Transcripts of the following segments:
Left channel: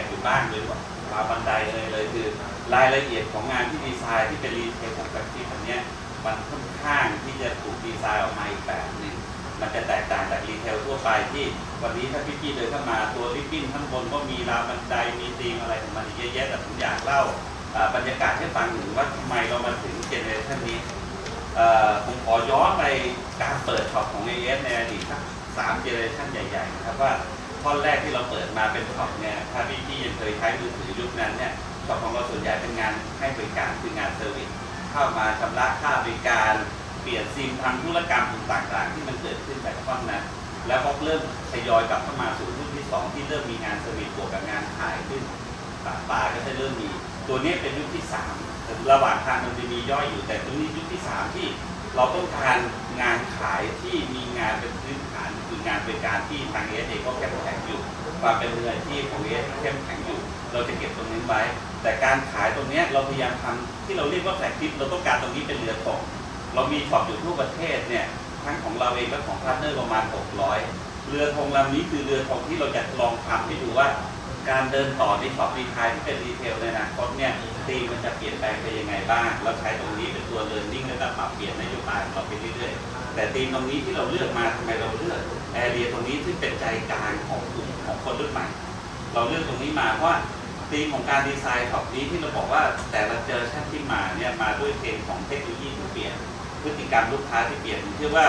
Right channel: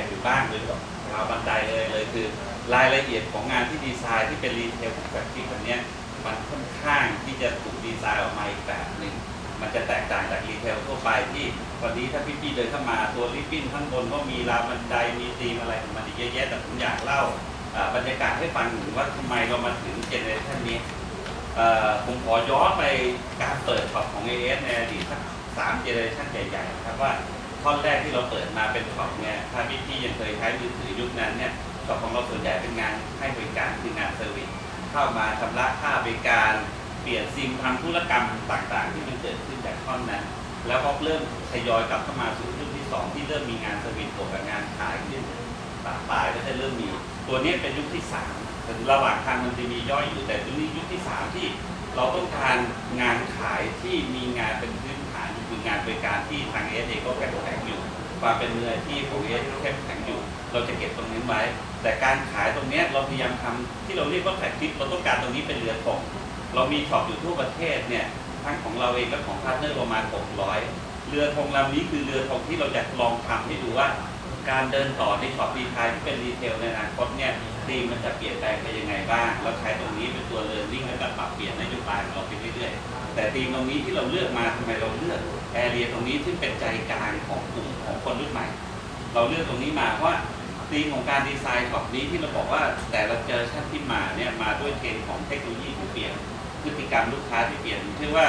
กันอยู่บ้างเลยว่าราวบันไดเลยเลยคือรายละเอียดของงานที่ดีไซน์ที่เป็นรีเทลของแฟคที่แบบนี้มันค่อนข้างที่จะถูกดีไซน์ออกมาอีกแบบหนึ่งมันจะแตกต่างจากรีเทลทั่วไปที่วันนี้ถ้าพี่ๆเดินเข้ามาตัวริบบิ้นข้างบนก็มีราวบันไดมีธีมอะไรของมันเยอะแยะแต่ผมอยากเล่าบรรยากาศให้ฟังถึงว่าทำไมเรามาถึงเจเนอเรชันนี้ผมขอย้อนไปการเปิดช็อปของ AS ในอดีตสักสามเจเนอเรชันใหญ่ๆนะครับว่า ท่อนแรกที่เราเปิดมาเป็นช็อปเนี่ยถ้าพี่ๆยังเคยใช้มือถือยุคนั้นเนี่ยช็อปของเราส่วนใหญ่เป็นงานให้บริการคืองานเซอร์วิสเข้ามาชำระค่าบริการเปลี่ยนซิมทำธุรกรรมต่างๆ ที่มันเกิดขึ้นจากท่อนนั้น แล้วก็เริ่มทยอยกลับเข้ามาสู่รุ่นที่สองที่เริ่มมีงานเซอร์วิสบวกกับงานขายขึ้นปลาปลายก็จะเริ่มมี ตัวนี้เป็นยุคที่สามระหว่างทางมันจะมีย่อยอยู่แต่ตัวนี้ยุคที่สามที่ เราต้องการงานขายที่มีงานเป็นพื้นฐานคืองานบริการที่ทางเอสเองก็เข้มแข็งอยู่ความเป็นมืออาชีพของเอสเข้มแข็งอยู่ เราจะเก็บตรงนี้ไว้ แต่การขายตรงเนี้ยเราพยายามทำที่เราเรียกว่าแฟลกชิพเราต้องการตรงนี้เป็นเรือตกเรามีช็อปอยู่ทั่วประเทศเนี่ยทั้งของเราเองและของพาร์ทเนอร์ประมาณ 600 เรือธงลำนี้คือเรือธงที่เราจะลองทำให้ดูว่า การเดินต่อในช็อปรีไทยที่เป็นรีเทลในอนาคตเนี่ยธีมมันจะเปลี่ยนแปลงไปยังไงบ้าง เราใช้ตรงนี้เป็นตัวเรียนรู้และปรับเปลี่ยนนโยบายของเราไปเรื่อยๆ แต่ธีมตรงนี้ที่เราเลือกมาทำไมเราเลือกแอเรียตรงนี้ซึ่งเป็นใจกลางของกลุ่มของคนรุ่นใหม่ เราเลือกตรงนี้มาเพราะว่าธีมของการดีไซน์ช็อปนี้ที่เราบอกว่าแต่ละเจอชั่นที่มาเนี่ยมาด้วยเทรนด์ของเทคโนโลยีที่เปลี่ยนพฤติกรรมลูกค้าที่เปลี่ยนเชื่อว่า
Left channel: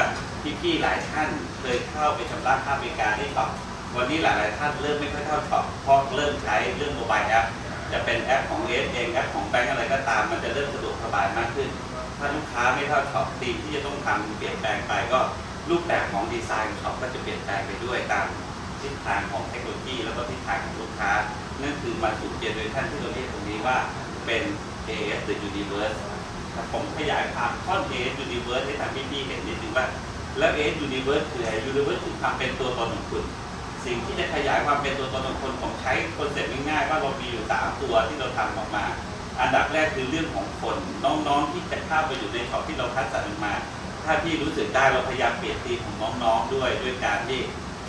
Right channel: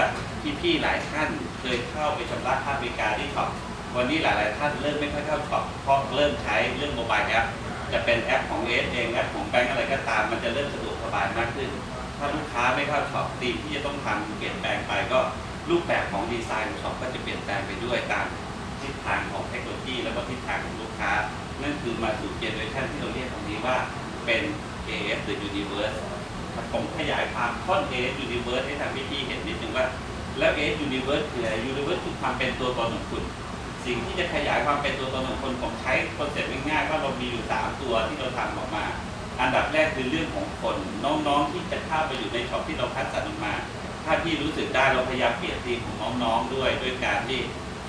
พี่ๆหลายท่านเคยเข้าไปชำระค่าบริการที่ช็อป วันนี้หลาย ๆ ท่านเริ่มไม่ค่อยเข้าช็อปเพราะเริ่มใช้เรื่องโมบายแอปจะเป็นแอปของเอสเองแอปของแบงก์อะไรก็ตาม มันจะเริ่มสะดวกสบายมากขึ้น ถ้าลูกค้าไม่เข้าช็อปทีมที่จะต้องทำเปลี่ยนแปลงไปก็รูปแบบของดีไซน์ของช็อปก็จะเปลี่ยนแปลงไปด้วยตามทิศทางของเทคโนโลยีแล้วก็ทิศทางของลูกค้า นั่นคือมาสู่เจเนอเรชันที่เราเรียกตรงนี้ว่าเป็น AF หรือ Universe ครับผมขยายความท่อน AF Universe ให้ทางพี่ๆเห็นนิดนึงว่า แล้ว AF Universe คืออะไร Universe คือความเป็นตัวตนของคุณ สิ่งที่จะขยายความเป็นตัวตนของคนผมใช้คอนเซ็ปต์ง่ายๆว่าเรามีอยู่สามตัวที่เราทำออกมา อันดับแรกคือเรื่องของคนน้องๆที่จะเข้าไปอยู่ในช็อปที่เราคัดสรรมา ถ้าพี่รู้สึกได้เราพยายามเปลี่ยนทีของน้องๆด้วยด้วยการที่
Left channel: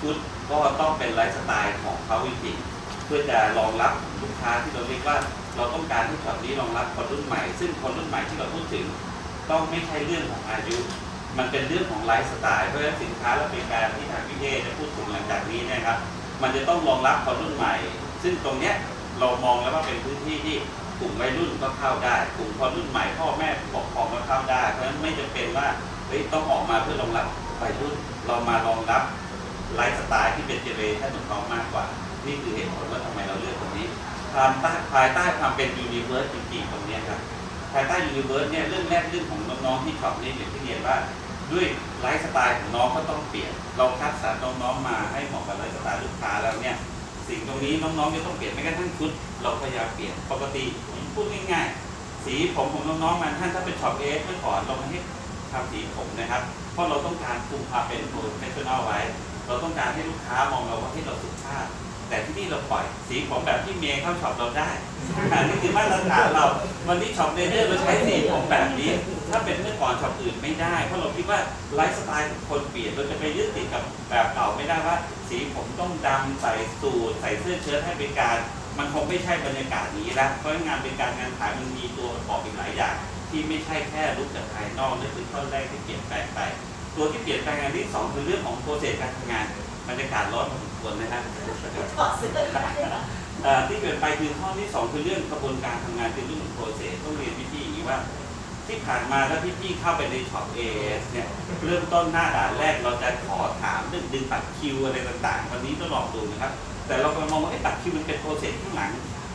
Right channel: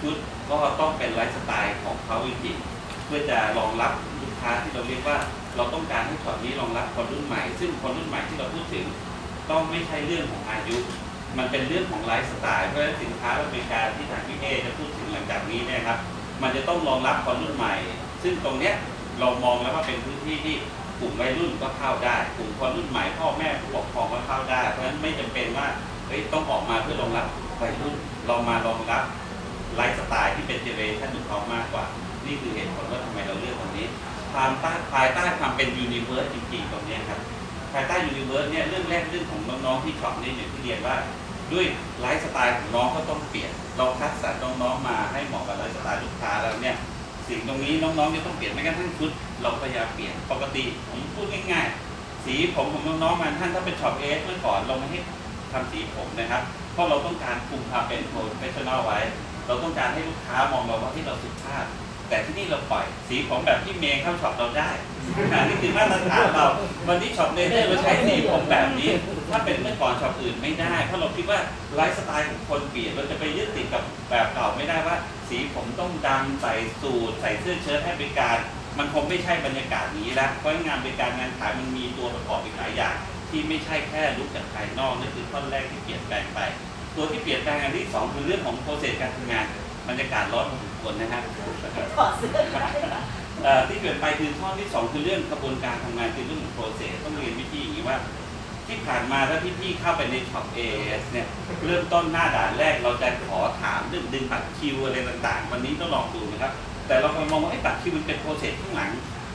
ชุดก็ต้องเป็นไลฟ์สไตล์ของเขาจริงๆเพื่อจะรองรับลูกค้าที่เราเรียกว่า เราต้องการให้ช็อปนี้รองรับคนรุ่นใหม่ ซึ่งคนรุ่นใหม่ที่เราพูดถึง ต้องไม่ใช่เรื่องของอายุ มันเป็นเรื่องของไลฟ์สไตล์เพราะฉะนั้นสินค้าและบริการที่ทางพี่เอจะพูดถึงหลังจากนี้เนะครับ มันจะต้องรองรับคนรุ่นใหม่ ซึ่งตรงเนี้ยเรามองแล้วว่าเป็นพื้นที่ที่กลุ่มวัยรุ่นก็เข้าได้กลุ่มคนรุ่นใหม่พ่อแม่ผู้ปกครองก็เข้าได้ เพราะฉะนั้นไม่จำเป็นว่าเฮ้ยต้องออกมาเพื่อรองรับวัยรุ่นเรามารองรับไลฟ์สไตล์ที่เป็นเจเนอเรชันของเขามากกว่า นี่คือเหตุผลว่าทำไมเราเลือกตรงนี้ความใต้ภายใต้ความเป็นยูนิเวิร์สจริงๆตรงเนี้ยครับภายใต้ยูนิเวิร์สเนี่ยเรื่องแรกเรื่องของน้องๆที่ชอปเนี่อย่างที่เรียนว่า ด้วยไลฟ์สไตล์ของน้องก็ต้องเปลี่ยน เราคัดสรรน้องๆมาให้เหมาะกับไลฟ์สไตล์ลูกค้าแล้วเนี่ยสิ่งตรงนี้น้องๆจะต้องเปลี่ยนไม่กระทั่งชุด เราพยายามเปลี่ยนปกติผมพูดง่าย ๆ สีผมของน้องๆมันท่านถ้าเป็นช็อปเอสเมื่อก่อนเราไม่ให้ทำสีผมนะครับ เพราะเราต้องการคุมความเป็นโปรเฟชชั่นอลไว้ เราต้องการให้ลูกค้ามองเราว่าที่เราสุภาพ แต่ที่นี่เราปล่อย สีผมแบบที่เมย์เข้าช็อปเราได้อันนี้คือมาตรฐานเรา วันนี้ช็อปเนเธอร์เราใช้สีผมแบบนี้ ถ้าเป็นเมื่อก่อนช็อปอื่นไม่ได้ เพราะเราคิดว่าไลฟ์สไตล์ของคนเปลี่ยนเราจะไปยึดติดกับแบบเก่าไม่ได้ว่า สีผมต้องดำใส่สูทใส่เสื้อเชิ้ตให้บริการ มันคงไม่ใช่บรรยากาศนี้ละเพราะงานบริการงานขายมันมีตัวประกอบอีกหลายอย่างที่ไม่ใช่แค่ลุกจากภายนอกนั่นคือข้อแรกที่เปลี่ยนแปลงไป ตัวที่เปลี่ยนแปลงอันที่สองคือเรื่องของโปรเซสการทำงาน บรรยากาศร้อนพอสมควรนะครับถอดเสื้อได้เอ่อที่เปลี่ยนไปคือข้อที่สองคือเรื่องกระบวนการทำงานคือเรื่องของโปรเซสต้องเรียนวิธีอย่างนี้ว่า ที่ผ่านมาถ้าพี่พี่ๆเข้าไปในช็อปเอสเนี่ยเริ่มต้นหน้าด่านแรกเราจะขอถามเรื่องดึงบัตรคิวอะไรต่างๆ วันนี้ต้องลองดูนะครับ แต่เรากำลังมองว่าไอ้บัตรคิวมันเป็นโปรเซสข้างหลัง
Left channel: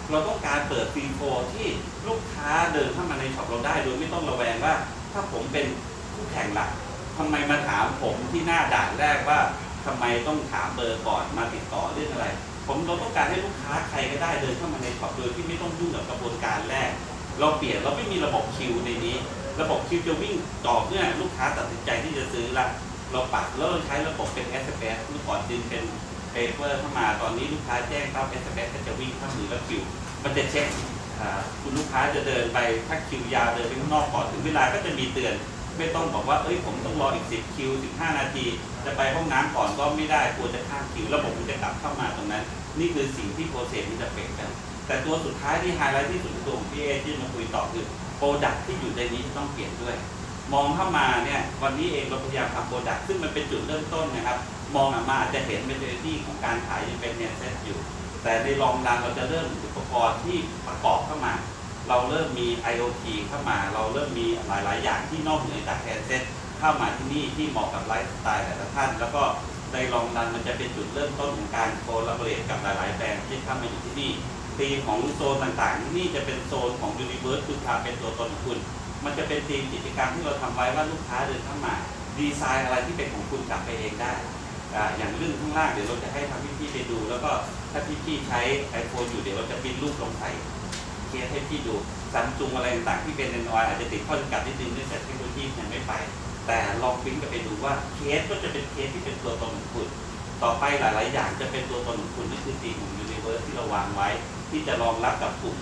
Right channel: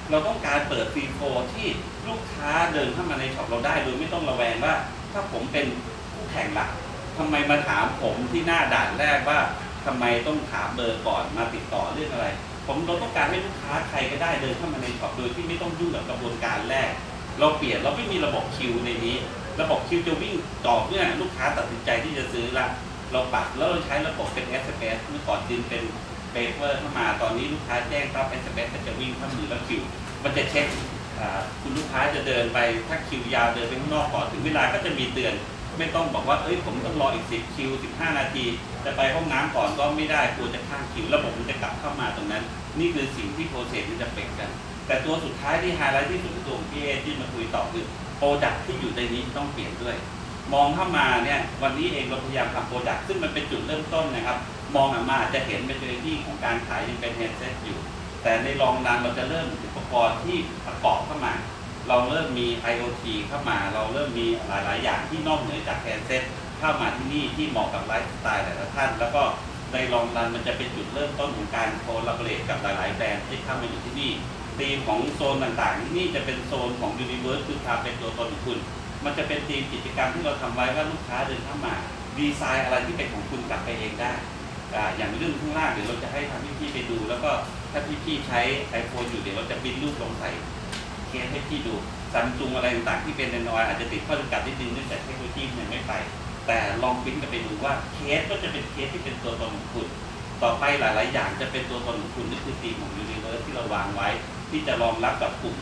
เราต้องการเปิดฟรีโฟร์ที่ลูกค้าเดินเข้ามาในช็อปเราได้โดยไม่ต้องระแวงว่า ถ้าผมเป็นคู่แข่งหลักทำไมมาถามผมที่หน้าด่านแรกว่า ทำไมต้องถามเบอร์ก่อนมาติดต่อเรื่องอะไร ผมเราต้องการให้ลูกค้าใครก็ได้เดินเข้ามาในช็อปโดยที่ไม่ต้องยุ่งกับกระบวนการแรก เราเปลี่ยนเราไม่มีระบบคิวในนี้ ระบบคิวจะวิ่งต่อเมื่อลูกค้าตัดสินใจที่จะซื้อละเราปรับแล้วเราใช้ระบบเป็น SMS เมื่อก่อนดึงเป็นเปเปอร์เข้ามาตอนนี้ลูกค้าแจ้งครับ SMS ก็จะวิ่งเข้ามือแล้วคิว มันจะเช็คคุณลูกค้าจะเดินไปถ้าคิวยาวเดินไปข้างนอกก่อนถึงเวลาก็จะมีเตือน ไม่ต้องบอกว่าเอ้ยผมต้องรออีก 10 คิว 15 นาที จะไปห้องน้ำก่อนก็ไม่ได้กลัวจะข้ามคิว ระบบมันจะกลับเข้ามาตรงนั้น นี่คือสิ่งที่โปรเซสมันจะเป็นกัน แต่ตัวสุดท้ายที่ไฮไลท์ที่สุดคือตัวของพี่เอที่มาคุยต่อคือโปรดักที่อยู่ในนี้ต้องเปลี่ยนด้วย มองเข้ามาเนี่ยวันนี้เองเราพยายามทำโปรดักซึ่งมันเป็นจุดเริ่มต้นนะครับ มองออกมาอาจจะเห็นเมนเทอรี่ของการขายยังเป็นเฮดเซ็ตอยู่ แต่ในลองดันเราจะเริ่มอุปกรณ์ที่ประกอบเข้ามา เราเริ่มมี IoT เข้ามาเราเริ่มมีหลาย ๆ อย่างที่นอกเหนือจากแฮนเซ็ตเข้ามาที่นี่ที่เหมาะกับไลฟ์สไตล์แต่ละท่าน แล้วก็ในลองดันมันจะเป็นจุดเริ่มต้นของการโคลาบเรตกับหลาย ๆ แบรนด์ที่เข้ามาอยู่ที่นี่ธีมของโซนต่าง ๆ ที่นี่จะเป็นโซนของ Universe คือความเป็นตัวตนของคุณ มันจะเป็นธีมกิจกรรมที่เราทำไว้ว่าลูกค้าเดินเข้ามาดีไซน์อะไรที่เป็นของคุณกลับไปเองได้อย่างเรื่องข้างล่างเดี๋ยวเราจะให้ทางพี่ๆไปดู แล้วก็ถ้าพี่ๆใช้ iPhone อยู่เดี๋ยวเราจะปริ้นรูปลงใส่ เคสให้พี่ดูซัมซุงอะไรต่างๆที่เป็นนอยอาจจะติดข้อจำกัดนิดนึงเนื่องจากเทคโนโลยียังไม่ไป แต่ลองปิ้นกันไปดูว่าเคสก็จะเป็นเคสที่เป็นตัวตนของคุณต่อไปหลายๆอย่างจะเป็นตัวตนของคุณนั่นคือตีมของ Universe ที่เราวางไว้ ที่จะรองรับกับกลุ่ม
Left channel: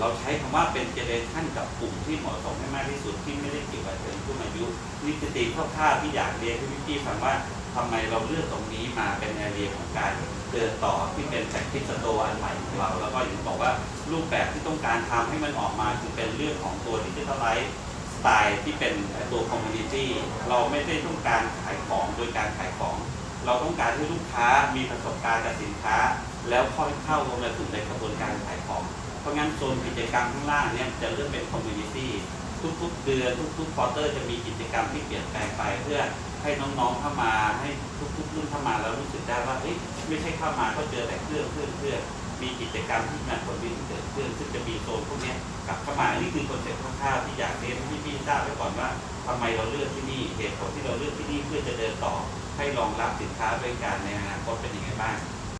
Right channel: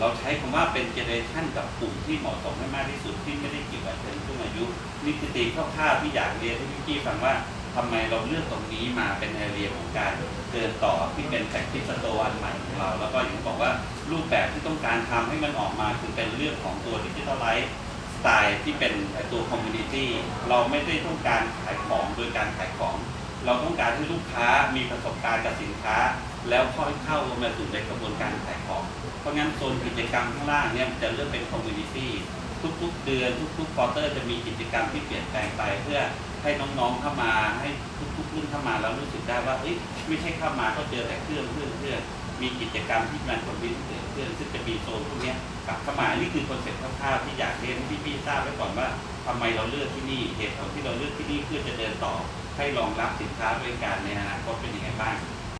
เราใช้คำว่าเป็นเจเนเรชันกับกลุ่มที่เหมาะสมให้มากที่สุดที่ไม่ได้เกี่ยวกับเชิงผู้อายุ นี่คือตีมคร่าที่อยากเรียนให้พี่ฟังว่า ทำไมเราเลือกตรงนี้มาเป็นแอเรียของการเดินต่อที่เป็นแพ็กทิสโตอันใหม่ของเรา แล้วก็อย่างที่บอกว่ารูปแบบที่ต้องการทำให้มันออกมาคือเป็นเรื่องของตัวดิจิทัลไลฟ์สไตล์ที่เป็นตัวคอมมูนิตี้เราไม่ได้ต้องการขายของโดยการขายของ เราต้องการให้ลูกค้ามีประสบการณ์กับสินค้า แล้วค่อยเข้ามาสู่ในกระบวนการขายของ เพราะงั้นโซนกิจกรรมข้างล่างเนี่ยจะเริ่มเป็นคอมมูนิตี้ทุกๆ เดือนทุกๆควอเตอร์จะมีกิจกรรมที่เปลี่ยนแปลงไปเพื่อ ให้น้องๆเข้ามาให้ทุกๆรุ่นเข้ามาแล้วรู้สึกได้ว่าเอ้ยไม่ใช่เข้ามาก็เจอแต่เครื่องเครื่องเครื่องมีกิจกรรมที่มันคนมีเกิดเพื่อนซึ่งจะมีโซนพวกนี้กลับเข้ามานี่คือคอนเซ็ปต์คร่าวๆที่อยากเรียนให้พี่ๆทราบไว้ก่อนว่าทำไมเราเลือกที่นี่เหตุผลที่เราเลือกที่นี่เพื่อจะเดินต่อให้รองรับสินค้าด้วยกันในอนาคตเป็นยังไงบ้าง